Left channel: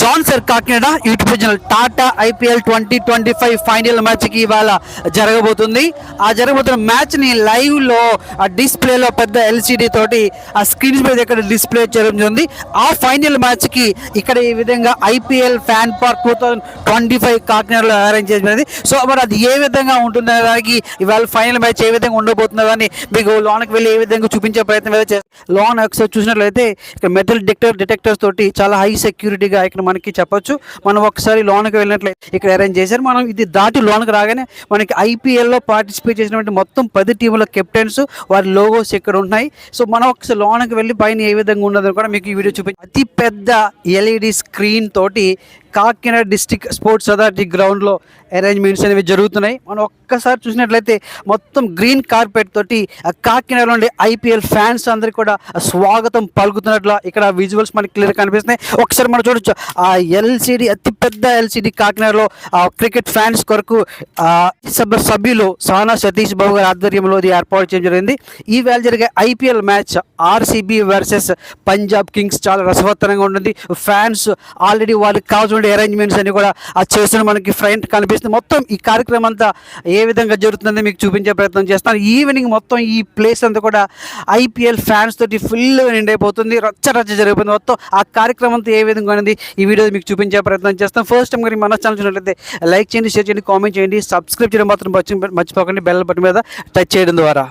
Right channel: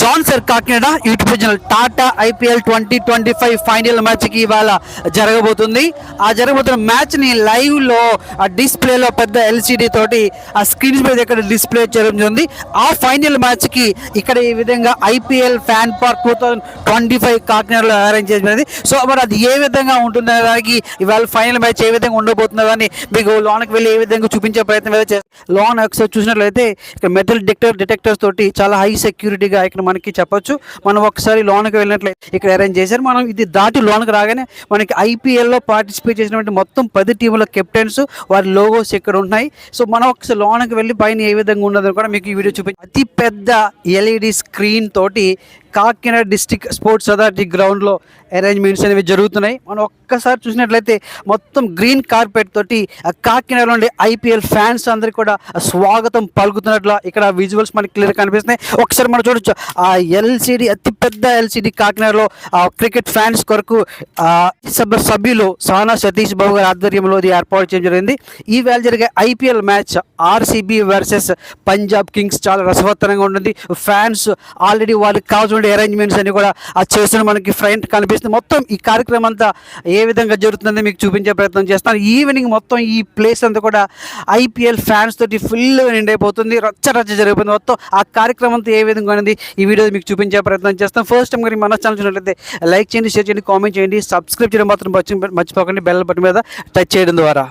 John sir Kakinada YouTube channel Tata IPL 2025 final match కి ఇవాళ జరగబోతుంది. ఆ జరగబోతున్న మ్యాచ్ ని లైవ్ లో ఆ డిస్ప్లేలో పెద్ద ఎల్సిడి తోటి ఆ స్క్రీన్ మీద ఇక్కడ డిస్ప్లే చేయడం జరిగింది. ఆ ఫైనల్ మ్యాచ్ కి ఇక్కడ ఈ విధంగా ఐపీఎల్ ఫ్యాన్ పార్క్ 2025 కాకినాడలో అరేంజ్ చేయబడింది. సో మరి అది ఏ విధంగా ఉంటుందనే దానికి ఇవాళ ఫైనల్ మ్యాచ్ ఏ విధంగా ఉండబోతుందో అని మీకు లోనకి వెళ్ళి ఏ విధంగా చూపించే ప్రయత్నం అయితే లోన్ ఒకసారి చూసినట్లయితే ఇక్కడ మెటల్ డిటెక్టర్స్ తోటి చాలా హై సెక్యూరిటీగా ఇక్కడ మనకి చెప్పొచ్చు. మనం ఒకసారి లోన్కి వెళ్ళినట్లయితే ఇక్కడ అరేంజ్ చేశారు. మనం ఇది దాటి లోన్కి రాగానే మనకి ఐపీఎల్లో పార్టిసిపేట్ చేసినటువంటి మొత్తం 10 టీముల కెప్టెన్స్ వారి లోగోస్ ఇక్కడ ఉన్నాయి. సో మనం ఒకసారి లోన్కి వెళ్ళి పైన ఏ విధంగా ఉన్నదని కూడా మీకు ఈ వీడియో చూపించి అతి పెద్ద ఎల్ఈడి స్క్రీన్ తోటి కాకినాడ డిస్టిక్ స్పోర్ట్స్ అథారిటీ గ్రౌండ్లో అరేంజ్మెంట్స్ అనేవి జరుగుతున్నాయి. మనం ఒక్కసారి చూసినట్లయితే మొత్తం గ్రీన్ కార్పెట్ తోటి కాకినాడలో ఉండే ఐపీఎల్ ఫ్యాన్స్ అందరికీ కూడా స్వాగతం పలుకుతున్నట్లు ఇక్కడ విజువల్స్ మనకి క్లియర్ కనిపిస్తున్నాయి. ఒకసారి మనం చూడొచ్చు ఆ ఎల్సిడి అతి పెద్ద ఎల్సిడి కాకినాడలో క్రికెట్ ఫ్యాన్స్ కొరకు సభ్యులు సానా సతీష్ బాబు గారి ఆధ్వర్యంలో ఇది ఏర్పాటు చేయడం జరిగింది. ఈ వేళ జరిగే IPL match RCB versus Punjab Kings చాలా రసవత్తరంగా ఉంటుంది. ఫ్యాన్స్ ఆల్రెడీ వాళ్ళకి కావాల్సిన అరేంజ్మెంట్స్ అన్ని కూడా చేస్తున్న మనకి ఫ్రంట్ కనిపిస్తుంది. మొత్తం ఈ కార్యక్రమం అంతా ఏ విధంగా జరుగుతుందని మీకు చూపించే ప్రయత్నం చేస్తాను. ఈవినింగ్ మొత్తం ఈ ప్లేస్ అంతా కూడా ఐపీఎల్ ఫ్యాన్స్ తోటి ఫుల్ నిండైపోతుంది. రచ్చ జరిగిపోతుంది. మొత్తం ఆ కార్యక్రమం అంతా ఏ విధంగా ఉంది ఈ వీడియో మీకు చూపించే ప్రయత్నం చేస్తాం. ఫస్ట్ టైం కానీ మన ఛానల్ చూసినట్లయితే లైక్ చేయండి, షేర్ చేయండి, కామెంట్ చేయండి, సబ్స్క్రైబ్ చేయడం మాత్రం మర్చిపోకండి. బెల్ బటన్ మీద టచ్ చేయడం ద్వారా.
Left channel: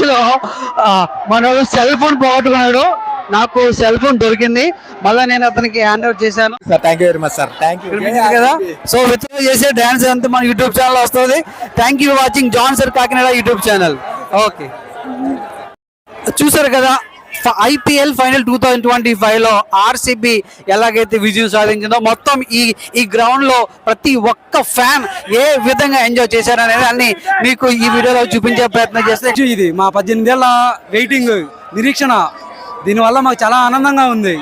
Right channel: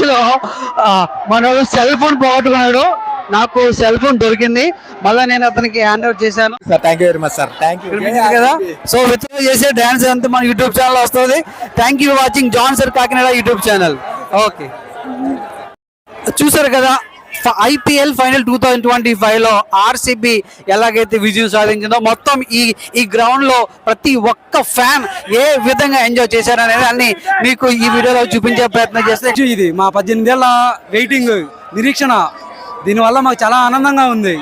మ్యాచ్ లో మనోడు సెల్ ఫోన్ పోగొట్టుకున్నాడు. నాకు సెల్ ఫోన్ దొరికింది, మళ్ళీ నేను అతనికి హ్యాండ్ ఓవర్ చేశాను. Sir thank you very much sir. Thank you కదా. సో విత్డ్రా చేసే డాన్స్ అంతా మన యూట్యూబ్ ఛానల్ వస్తుంది. Thank you watching John sir Kakinada YouTube channel. Okay, చూసారు కదా ఐపీఎల్ ఫైనల్ 2025 లో ఆర్సీబీ ఎలాగైతే విజయం సాధించిందో మొత్తం ఈ గ్రౌండ్ లో ప్రతి ఒక్క ఫ్యాన్ ఏ విధంగా ఎంజాయ్ చేశారనేది అన్ని మీకు ఈ వీడియోలో చూపించే ప్రయత్నం చేస్తే, ఇది మా 18 ఏళ్ళ వెయిటింగ్ నిరీక్షణ, దీనివల్ల మాకు చాలా ఆనందంగా ఉంది.